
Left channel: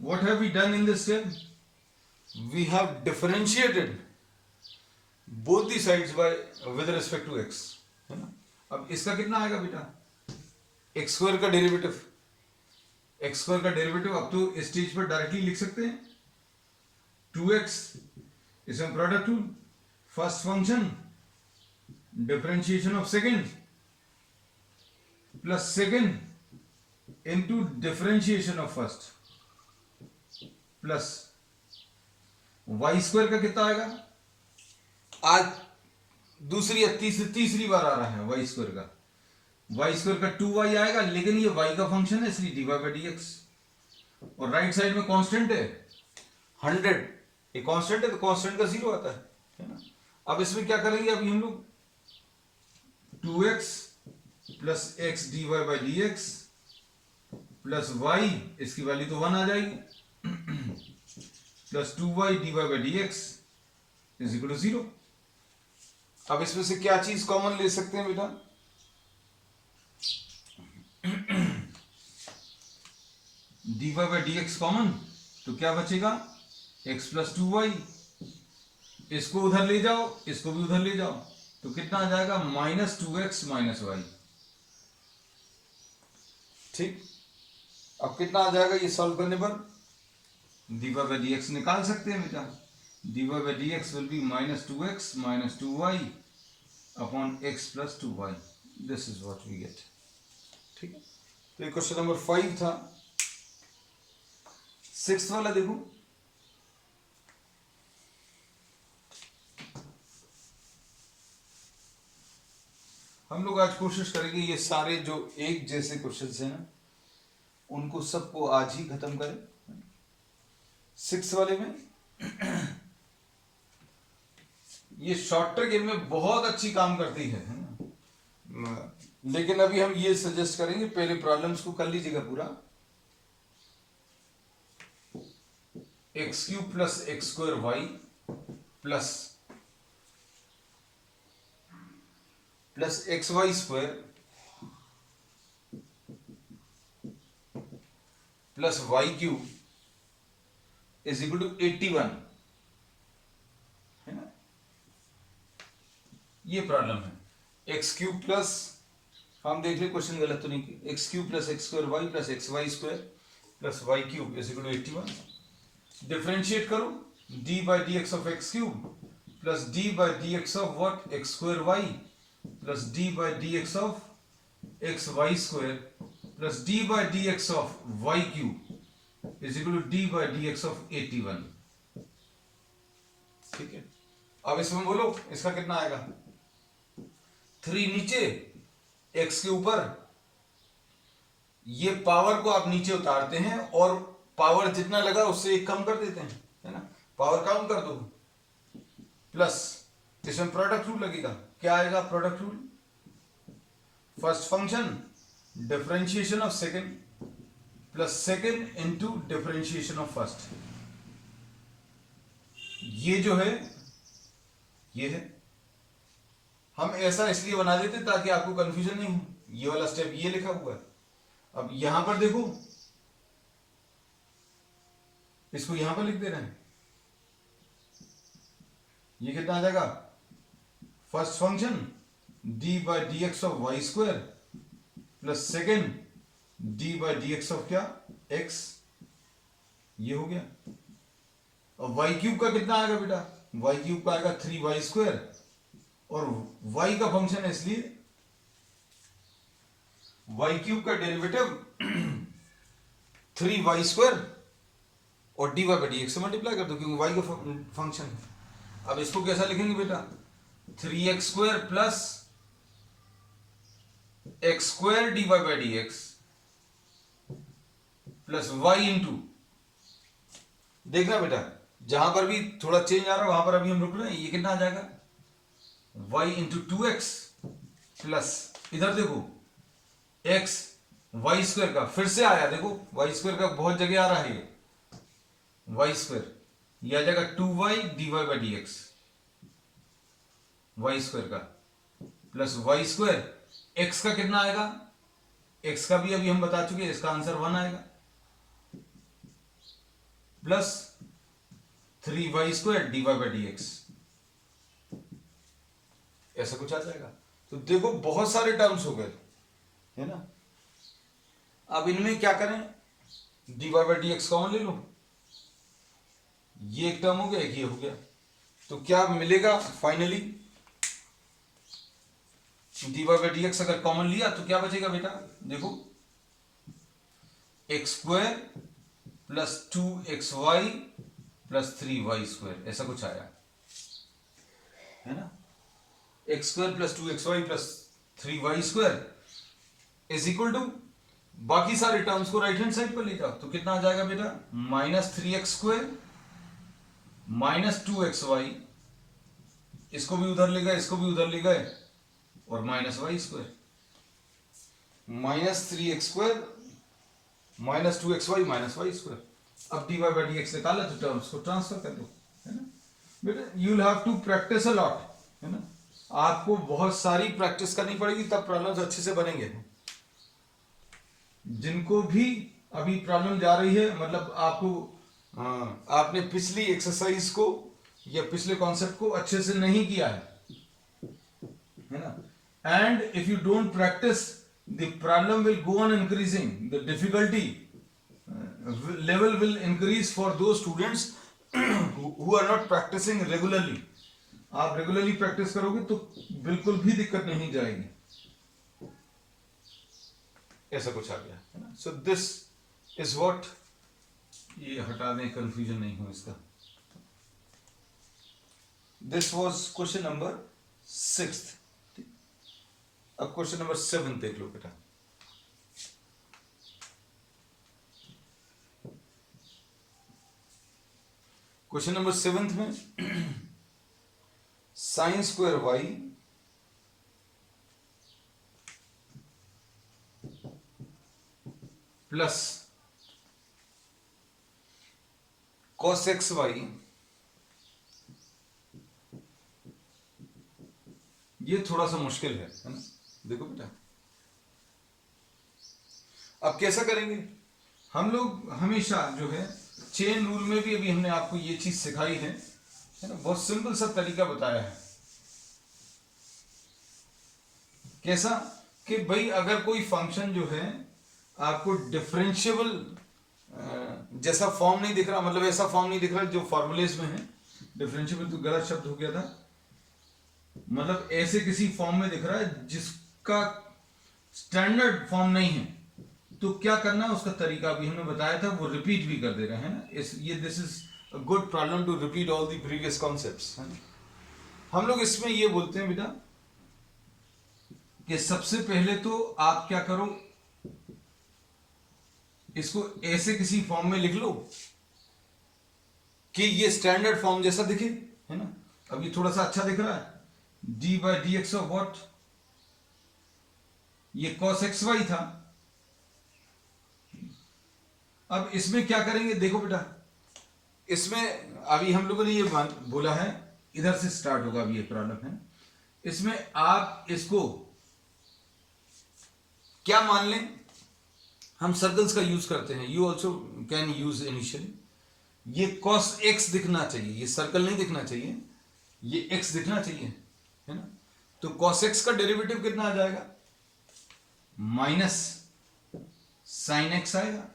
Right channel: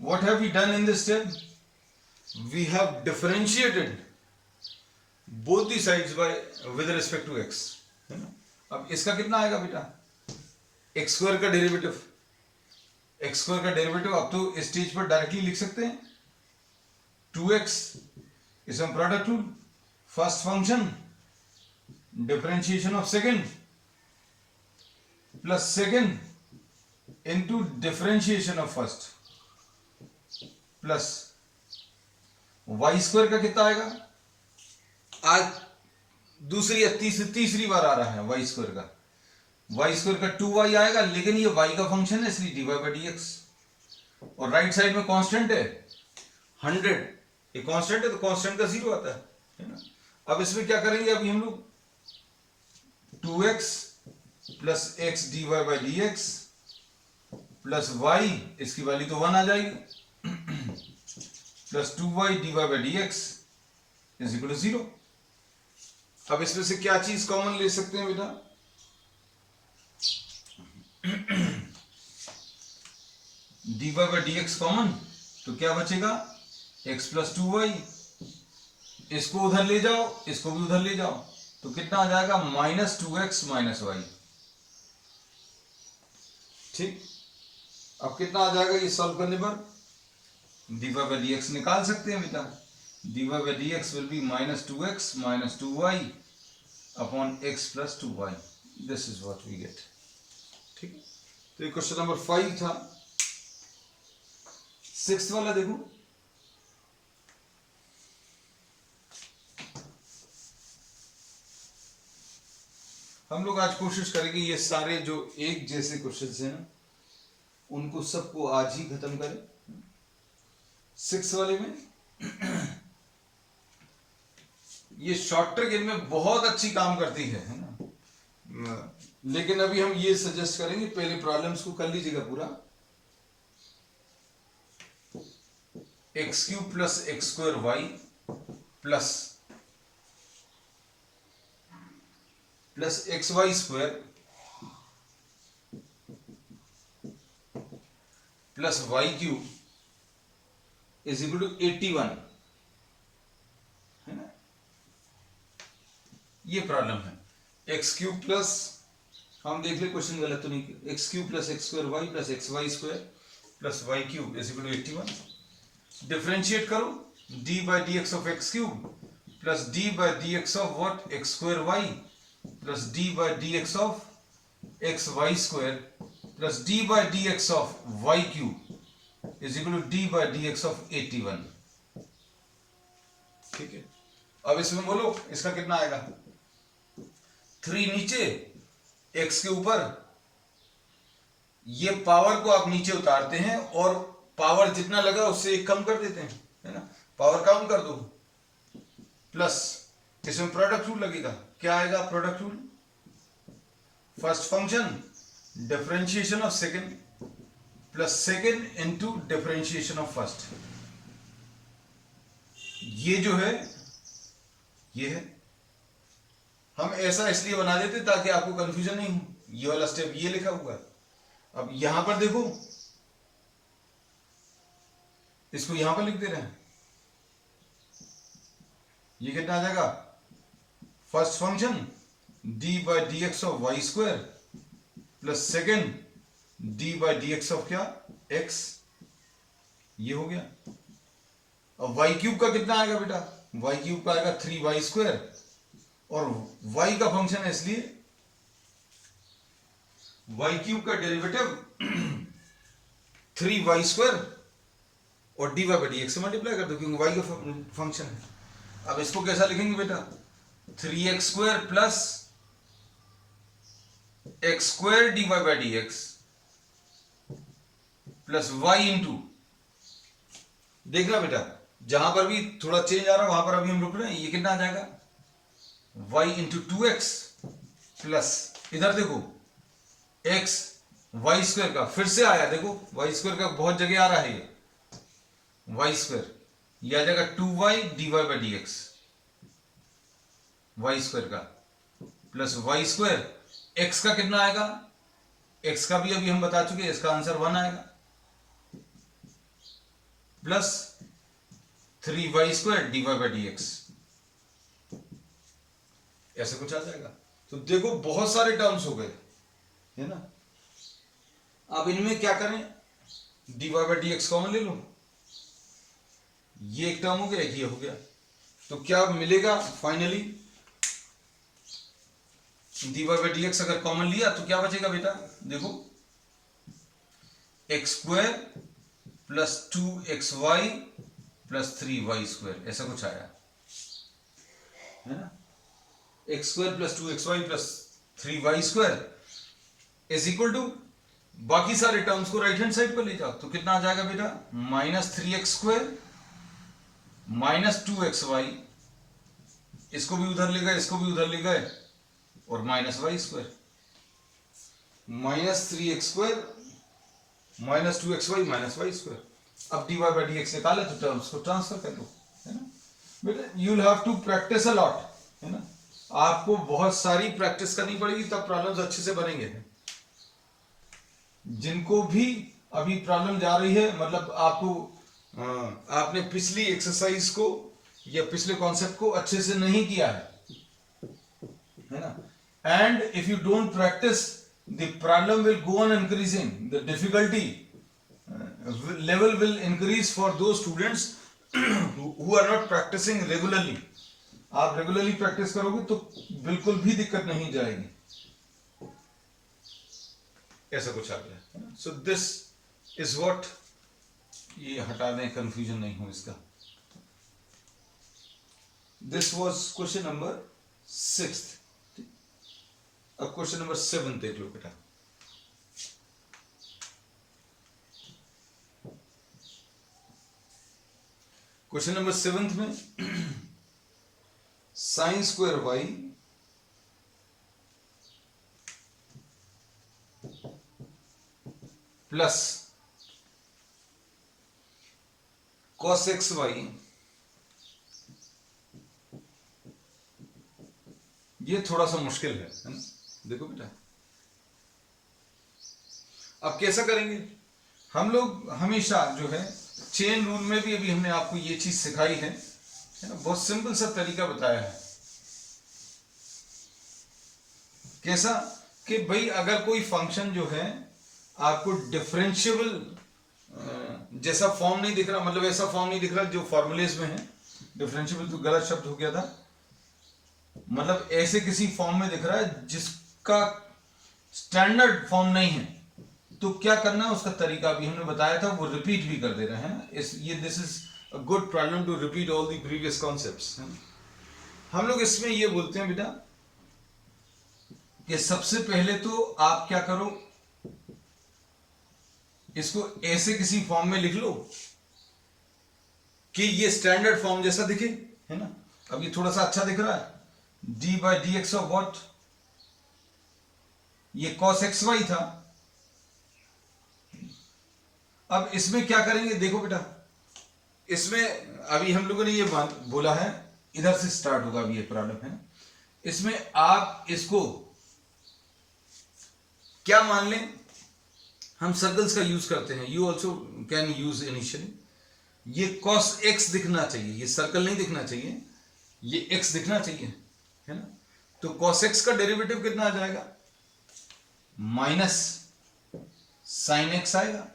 what have we done in this step? We have differentiated both the sides by with respect to x, है ना। अब इसका कितना आएगा बेटा, एक्स स्क्वायर का डेरिवेटिव, एक्स स्क्वायर का derivative अब तो इस स्टेज पर डायरेक्टली लिख सकते हैं 2x, इसमें product rule, first function differentiation of second plus second into differentiation of first plus Y square का कितना आएगा, आज दूसरी या तीसरी बार आ रहा है वाई स्क्वायर का, वाई स्क्वायर का 2y आएगा, लेकिन ये y का फंक्शन है इसलिए dy बाई डी एक्स, और राइट साइड में कांस्टेंट है 100, ये कांस्टेंट है तो कांस्टेंट का 0 आता है ना। अब इसमें क्या करेंगे, अभी हम लोग 2x plus x d Y by D x plus y, इसकी वैल्यू तो 1 आ जाएगी, plus 2y d Y by D x is equal to 0। अब इसमें से क्या चीज कॉमन ले सकते हैं बेटा, d Y by D x common, तो क्या बचेगा x प्लस 2y, इसको उधर ले जाओ, इसको भी उधर ले जाओ, तो कितना आ जाएगा माइनस 2x माइनस वाई। ठीक, अब कितना आ जाएगा ये सॉल्व करने पर, d Y by D x निकाल सकते हैं बेटा, d Y by D x will be minus 2x minus 2y upon x plus 2y, this is what we get. ठीक है, तो ये क्वेश्चन नंबर 5 था। 6th वाला देखो, हम लोग आज कोशिश करेंगे ये सारे जो एक जैसे क्वेश्चंस हैं ना उनको सबको आज ही खत्म करें। 6 वाले में ये शॉर्ट ट्रिक इनमें बहुत अच्छी काम करती है ना, लेकिन अभी हम ये सजेस्ट करेंगे पहले प्रॉब्लम्स को कर लीजिएगा पूरा। X cube plus x square Y plus x Y square plus Y cube is equal to 81, है ना। ये प्रॉब्लम है। एक्स क्यूब प्लस, हम देख ले क्वेश्चन गलत तो नहीं किया, X cube plus x square Y plus x Y square plus Y cube is equal to 81। Differentiate करो, D by D x of X cube plus D by D x of what X square Y plus D by D x of x Y square plus D by D x of Y cube is equal to D by D x of 81। ठीक है, अब इसमें बोलो इसका कितना आएगा, 3 नीचे x के ऊपर, ये पावर को आप नीचे उतारते हैं और पावर जितना लगा उससे 1 कम कर देते हैं, है ना, पावर कम कर दो, प्लस इसमें प्रोडक्ट रूल लगेगा, क्या आएगा product rule, first function differentiation of second plus second into differentiation of first, ये जो है ये है, हम ऐसा इसलिए बना देते ताकि आपको कंफ्यूजन नहीं हो, ये वाला स्टेप ये लिखा हुआ है। अब यहां पर देखो, इसको यहां पर लिख दे रहे हैं, ये कितना आ जाएगा, first function d by D x of y square plus second d by D x of क्या एक्स, ये हो गया। और वाई क्यूब का कितना आएगा बेटा, वाई क्यूब का आएगा 3y स्क्वायर, और y का फंक्शन है इसलिए वाई क्यूब का डेरिवेटिव 3y स्क्वायर और d Y by D x से मल्टीप्लाई कर दो क्योंकि y का फंक्शन है। अब इसको कैसा लिखेंगे बेटा, 3x square plus x square d Y by D x plus y into, देखना बेटा जहां पर भी थोड़ा चेंज आ रहा है वहां पर अभी हम रुक रहे हैं। ये कितना आ जाएगा, y इंटू 2x प्लस इधर देखो x वाई स्क्वायर का फिर से आया, देखो वाई स्क्वायर का बहुत जगह आ रहा है, ये वाई स्क्वायर ये आ जाएगा 2y dy by D x, Y square का प्लस वाई स्क्वायर x का कितना आएगा, x का भी अभी हम बता चुके हैं, इसका आंसर 1 आएगा plus 3y square dy by D x, ऐसा कुछ आ जाएगा। तो देखो बहुत सारे टर्म्स हो गए, है ना। अब इनमें क्या करें, dy by D x common ले लो, ये एक टर्म हो गया, एक ये हो गया, तो क्या मिलेगा finally, dy by D x अगर कॉमन लिया तो क्या बचेगा बेटा, देखो x square plus 2xy plus 3y square, ऐसा कुछ आया है ना। X square plus 2xy plus 3y square is equal to, बाकी सारे टर्म्स को राइट हैंड साइड पर ले जाओ तो कितना आ जाएगा बेटा, -3x स्क्वायर माइनस 2xy, इसको भी उधर ले गए, इसको भी उधर ले गए, और -y square, -3x square minus 2xy minus y square. अब dy बाई डी एक्स निकाले तो टर्म्स को ट्रांसफर कर लो, है ना बेटा। You will have to practice a lot, है ना, आपको बहुत सारी प्रैक्टिस करनी पड़ेगी तब प्रॉब्लम्स अच्छे से बनेंगे। जिनको भी अभी प्रॉब्लम जा रही है, मतलब आपको आपने पिछली एक्सरसाइज को या पिछले कॉन्सेप्ट को अच्छे से नहीं किया है ना, and if you don't practise the problem will go on increasing, the difficulty level will increase for those students who are not practising regularly. आप रेगुलरली प्रैक्टिस करोगे तो बिल्कुल भी दिक्कत नहीं जाएगी, ऐसा कुछ आ गया है ना। सो दिस इज व्हाट, ये हटा दें, कंफ्यूजन नहीं हो इसका। This was question number 6। अब क्वेश्चन नंबर 7 देख लो बेटा। क्वेश्चन नंबर 7 में sine square Y plus cos x y, ये थोड़ा सा मुश्किल है ना। देखो बेटा अब कैसा करेंगे हम लोग, हमेशा जो है चेन रूल में भी अभी हमने आपको ये चीज सिखाई है ना, बहुत सिंपल सा तरीका बताया है। कैसा कि भाई अगर कोई फंक्शन जो है आपको डिफरेंशिएबल जैसा फॉर्म नहीं दिख रहा, मतलब ऐसा फॉर्म नहीं दिख रहा जो फॉर्मूलेज में है, डिफरेंशिएबल तो गलत शब्द हो गया था, मतलब ऐसे किसी फॉर्म में दिख रहा है जिसका स्टैंडर्ड फॉर्म नहीं है, तो क्या करना है उसका तरीका भी हमने बताया था, वो रिपीट भी कर दे रहे हैं ना। This is a good problem to repeat all the previous concepts. हम लोग इसमें ये बोलते हैं बेटा कि सबसे पहले तो आप क्या करो, इसको ऐसे किसी फॉर्म में लिख लो कि ये स्टैंडर्ड फॉर्म जैसा दिखे, है ना। अब ये थोड़ा सा अच्छा दिख रहा है, d by D x of what, ये cos एक्स वाई था। अब इसमें क्या करेंगे, देखो बेटा इसमें अभी हम लोगों ने ये बोला है, इधर से स्टार्ट होगा अभी ये प्रॉब्लम है। इसमें आप इसको क्या मान लें, हम सर्कल्स का यूज करते हैं, you also can use initially. ये cos x दिखना चाहिए, ये सर्कल नहीं दिखना चाहिए, ये x दिखना चाहिए, है ना। तो cos x का डेरिवेटिव कितना आ जाएगा, माइनस साइन x आएगा,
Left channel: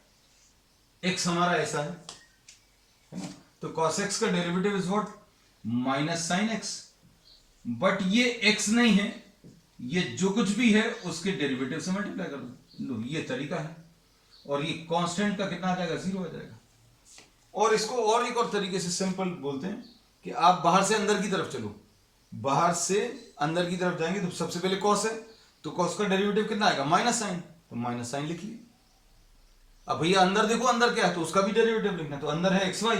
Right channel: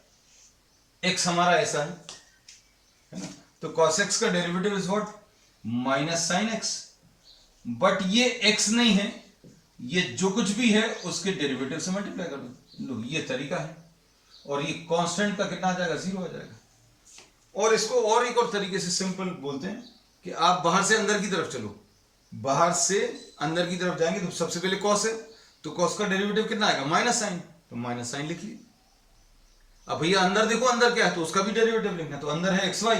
x हमारा ऐसा है ना। तो cos x का derivative is what, minus sine x, but ये x नहीं है, ये जो कुछ भी है उसके डेरिवेटिव से मल्टीप्लाई कर लो, ये तरीका है। और ये कांस्टेंट का कितना आ जाएगा, 0 आ जाएगा। और इसको और एक और तरीके से सिंपल बोलते हैं कि आप बाहर से अंदर की तरफ चलो, बाहर से अंदर की तरफ जाएंगे तो सबसे पहले cos है, तो cos का डेरिवेटिव कितना आएगा, माइनस साइन, तो माइनस साइन लिख लिए। अब भैया अंदर देखो अंदर क्या है, तो उसका भी डेरिवेटिव लिखना है, तो अंदर है xy,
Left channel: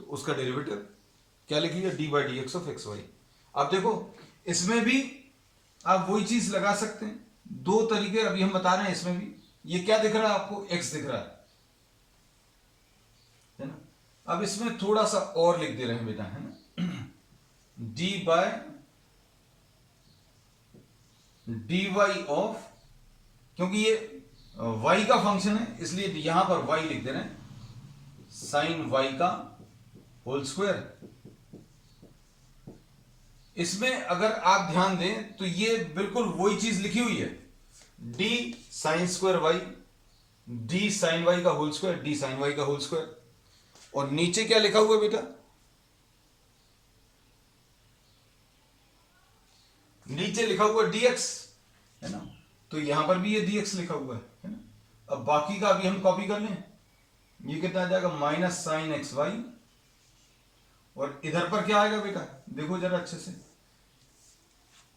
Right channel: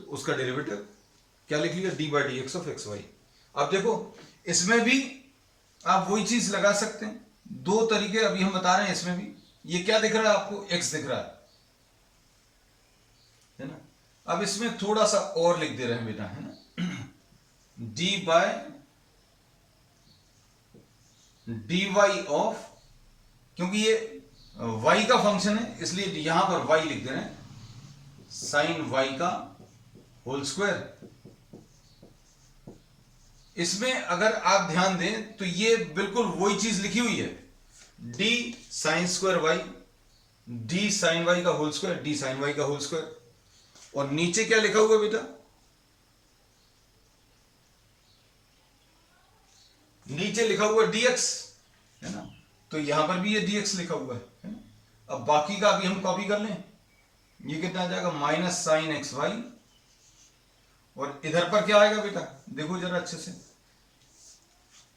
तो उसका डेरिवेटिव क्या लिख लिया, d by D x of x y. अब देखो इसमें भी आप वही चीज लगा सकते हैं, दो तरीके अभी हम बता रहे हैं। इसमें भी ये क्या दिख रहा है आपको, एक्स दिख रहा है ना। अब इसमें थोड़ा सा और लिख दे रहे हैं बेटा, है ना, d by d Y of, क्योंकि ये y का फंक्शन है इसलिए यहां पर y लिख दे रहे हैं, साइन y का होल स्क्वायर। इसमें अगर आप ध्यान दें तो ये बिल्कुल वही चीज लिखी हुई है, d sine square y, d sine y का whole square, d sine y का होल स्क्वायर। और नीचे क्या लिखा हुआ है बेटा, नीचे लिखा हुआ dx, है ना, तो यहां पर भी ये dx लिखा हुआ है ना। अब बाकी का अभी हम कॉपी कर लें, ये कितना आ जाएगा, माइनस साइन एक्स वाई, और इधर पर क्या आएगा बेटा, देखो जरा अच्छे से,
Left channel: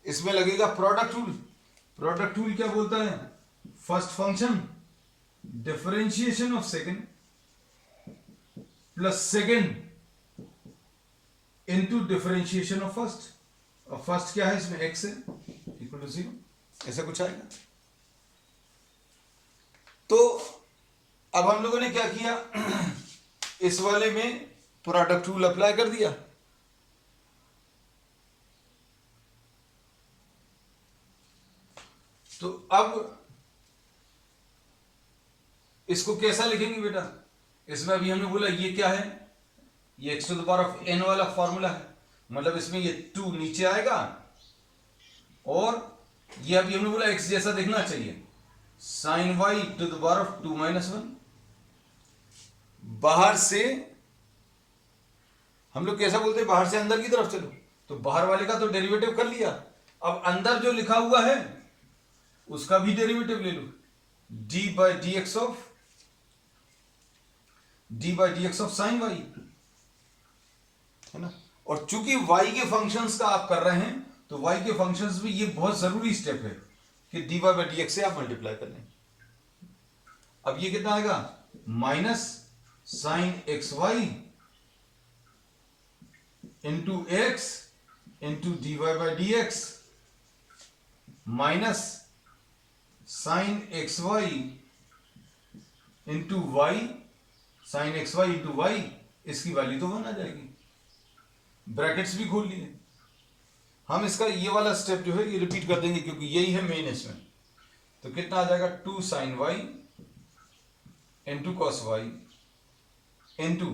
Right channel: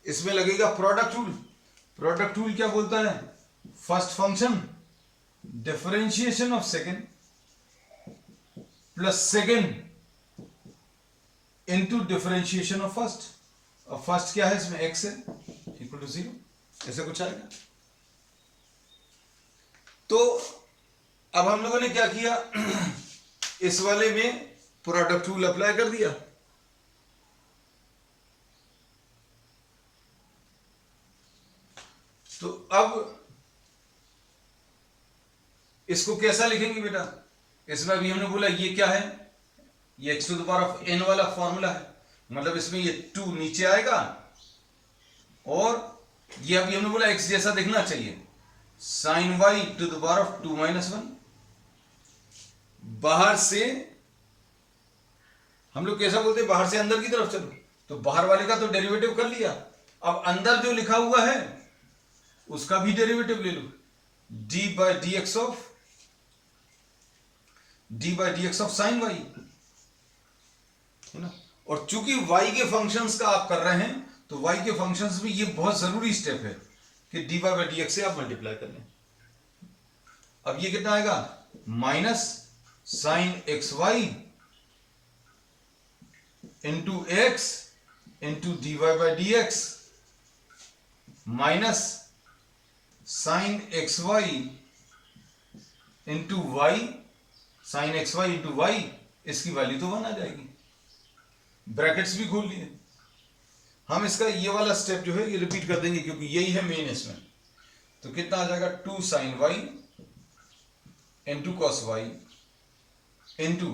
इसमें लगेगा प्रोडक्ट रूल। प्रोडक्ट रूल क्या बोलता है, first function differentiation of second plus second into differentiation of first. अब फर्स्ट क्या है इसमें, एक्स है, इक्वल टू 0, ऐसा कुछ आएगा। तो अब हम लोगों ने क्या किया, इस वाले में प्रोडक्ट रूल अप्लाई कर दिया। तो अब इसको कैसा लिखेंगे बेटा, इसमें अभी हमने बोला ये क्या है, ये x to the power of n वाला फॉर्मूला है, मतलब इसमें ये 2 नीचे आएगा, और ये अभी हमने बोला एक्स जैसा दिखना चाहिए, sine y to the power of 2 - 1। बाहर से हम लोग कैसा बोलते हैं, बाहर से अंदर की तरफ चलो, तो बाहर वाले का तो डेरिवेटिव कर लिया, अब अंदर जो लिखा हुआ है उसका भी डेरिवेटिव ले लो, D by D x of sine Y, है ना। और चूंकि y के फंक्शंस का आप कर रहे हैं, तो y के फंक्शंस में ये बहुत जरूरी स्टेप है कि d Y by D x से आप मल्टीप्लाई कर लें। अब ये कितना आएगा, minus sine x y into x into D Y by D x minus sine x y into y, sine x y into y, इसकी वैल्यू तो 1 आ जाएगी, ब्रैकेट्स भी खोल लिए। हम इसका ये वाला स्टेप जो है ये रिपीट कर देंगे क्योंकि यही है मेन इसमें। तो कितना आ जाएगा, 2 sine y into cos y into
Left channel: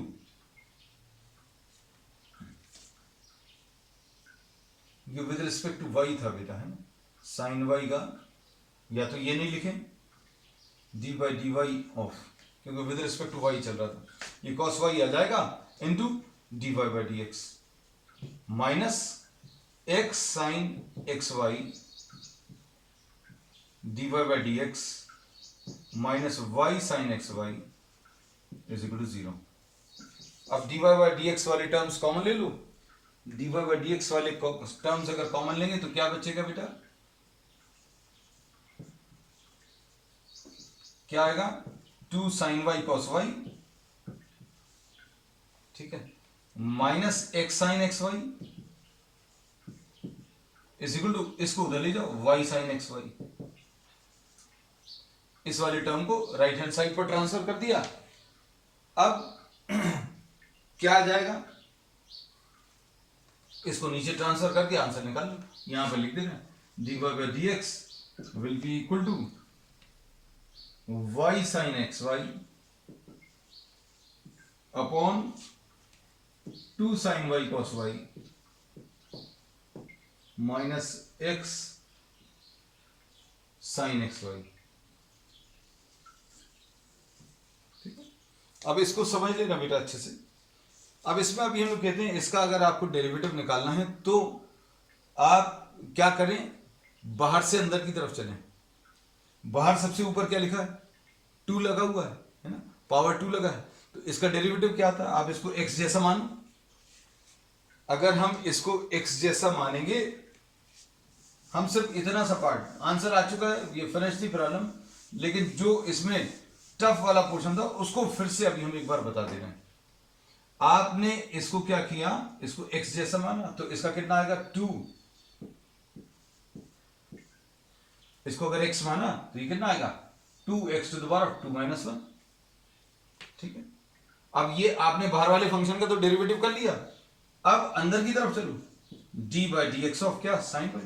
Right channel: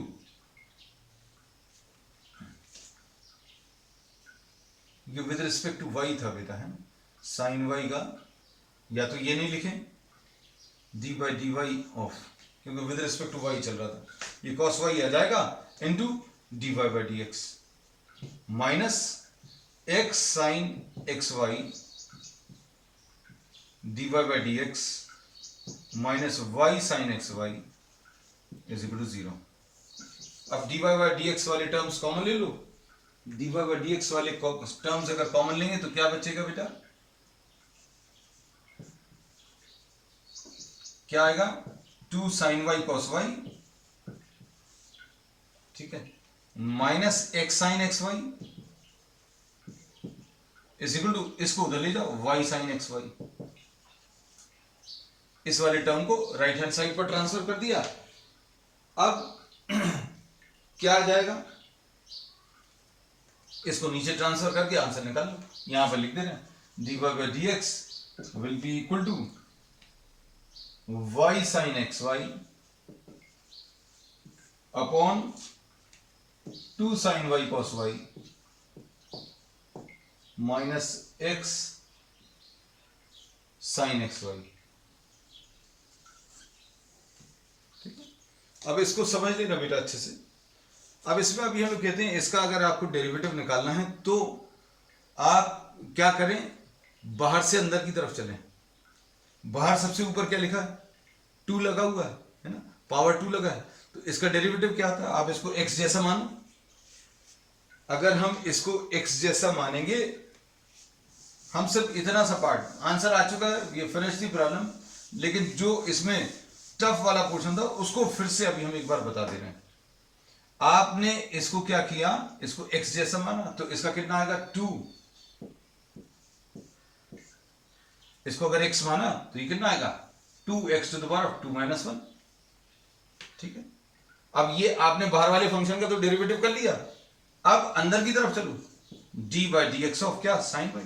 ये विद रिस्पेक्ट टू वाई था बेटा, है ना, साइन वाई का, या तो ये नहीं लिखें D by D Y of, क्योंकि विद रिस्पेक्ट टू वाई चल रहा था, ये कॉस वाई आ जाएगा into D Y by D x minus x sine x Y D Y by D x minus Y sine x Y is equal to 0। अब D Y by D x वाले terms common ले लो, D Y by D x वाले terms अगर common लेंगे तो क्या बचेगा बेटा, क्या आएगा, 2 साइन वाई कॉस वाई, ठीक है, minus x sine x Y is equal to, इसको उधर ले जाओ, वाई साइन एक्स वाई, इस वाले टर्म को राइट हैंड साइड पर ट्रांसफर कर दिया। अब क्या आ जाएगा, इसको नीचे ट्रांसफर करके आंसर निकाल लो, यहां पर लिख दे रहे हैं, d Y by D x will be equal to y sine x y upon 2 sine y cos y minus x sine x y. ठीक है, अब इसको समझ लेना बेटा अच्छे से। अब इसमें अभी हम लोग कहते हैं इसका अगर आपको डेरिवेटिव निकालना है तो आप क्या करें, बाहर से अंदर की तरफ चलें। बाहर सबसे ऊपर क्या लिखा है, 2 लगा हुआ है ना, पावर 2 लगा है, तो इसका डेरिवेटिव क्या आता है, आप इसको x जैसा मानो। अगर हम इसको x जैसा मानेंगे, हम सिर्फ इतना सा पार्ट, आंसर आ चुका है, ये फिनिश थी प्रॉब्लम, लेकिन जो इसमें टफ वाला पोर्शन था उसको फिर से अभी हम एक बार बता दे रहे हैं। आपने इसको क्या किया, इसको x जैसा माना, तो इसका कितना आएगा 2, इसको अगर x माना तो ये कितना आएगा 2x to the power of 2 minus 1। ठीक है, अब ये आपने बाहर वाले फंक्शन का तो डेरिवेटिव कर लिया, अब अंदर की तरफ चलो, D by D x of क्या साइन वाई।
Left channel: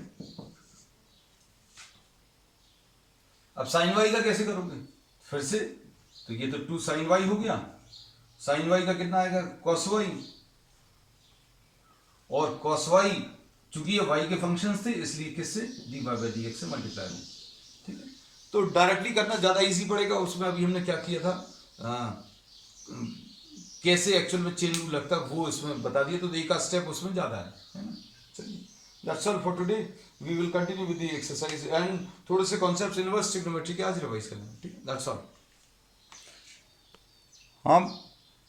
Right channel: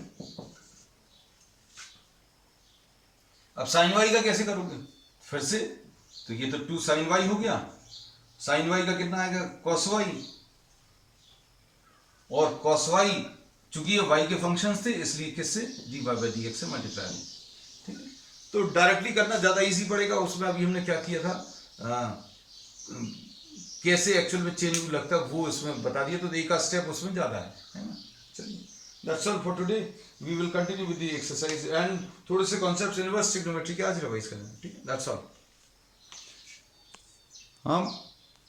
अब साइन वाई का कैसे करोगे फिर से, तो ये तो 2 साइन वाई हो गया, साइन वाई का कितना आएगा कॉस वाई, और कॉस वाई चूंकि ये वाई के फंक्शंस थे इसलिए किससे d Y by D x से मल्टीप्लाई हो। ठीक है, तो डायरेक्टली करना ज्यादा इजी पड़ेगा, उसमें अभी हमने क्या किया था, कैसे एक्चुअल में चेन लगता है वो इसमें बता दिया, तो एक का स्टेप उसमें ज्यादा है ना। चलिए, that's all for today, we will continue with the exercise and थोड़े से कॉन्सेप्ट्स इनवर्स ट्रिग्नोमेट्री के आज रिवाइज करेंगे। ठीक है, दैट्स ऑल। हम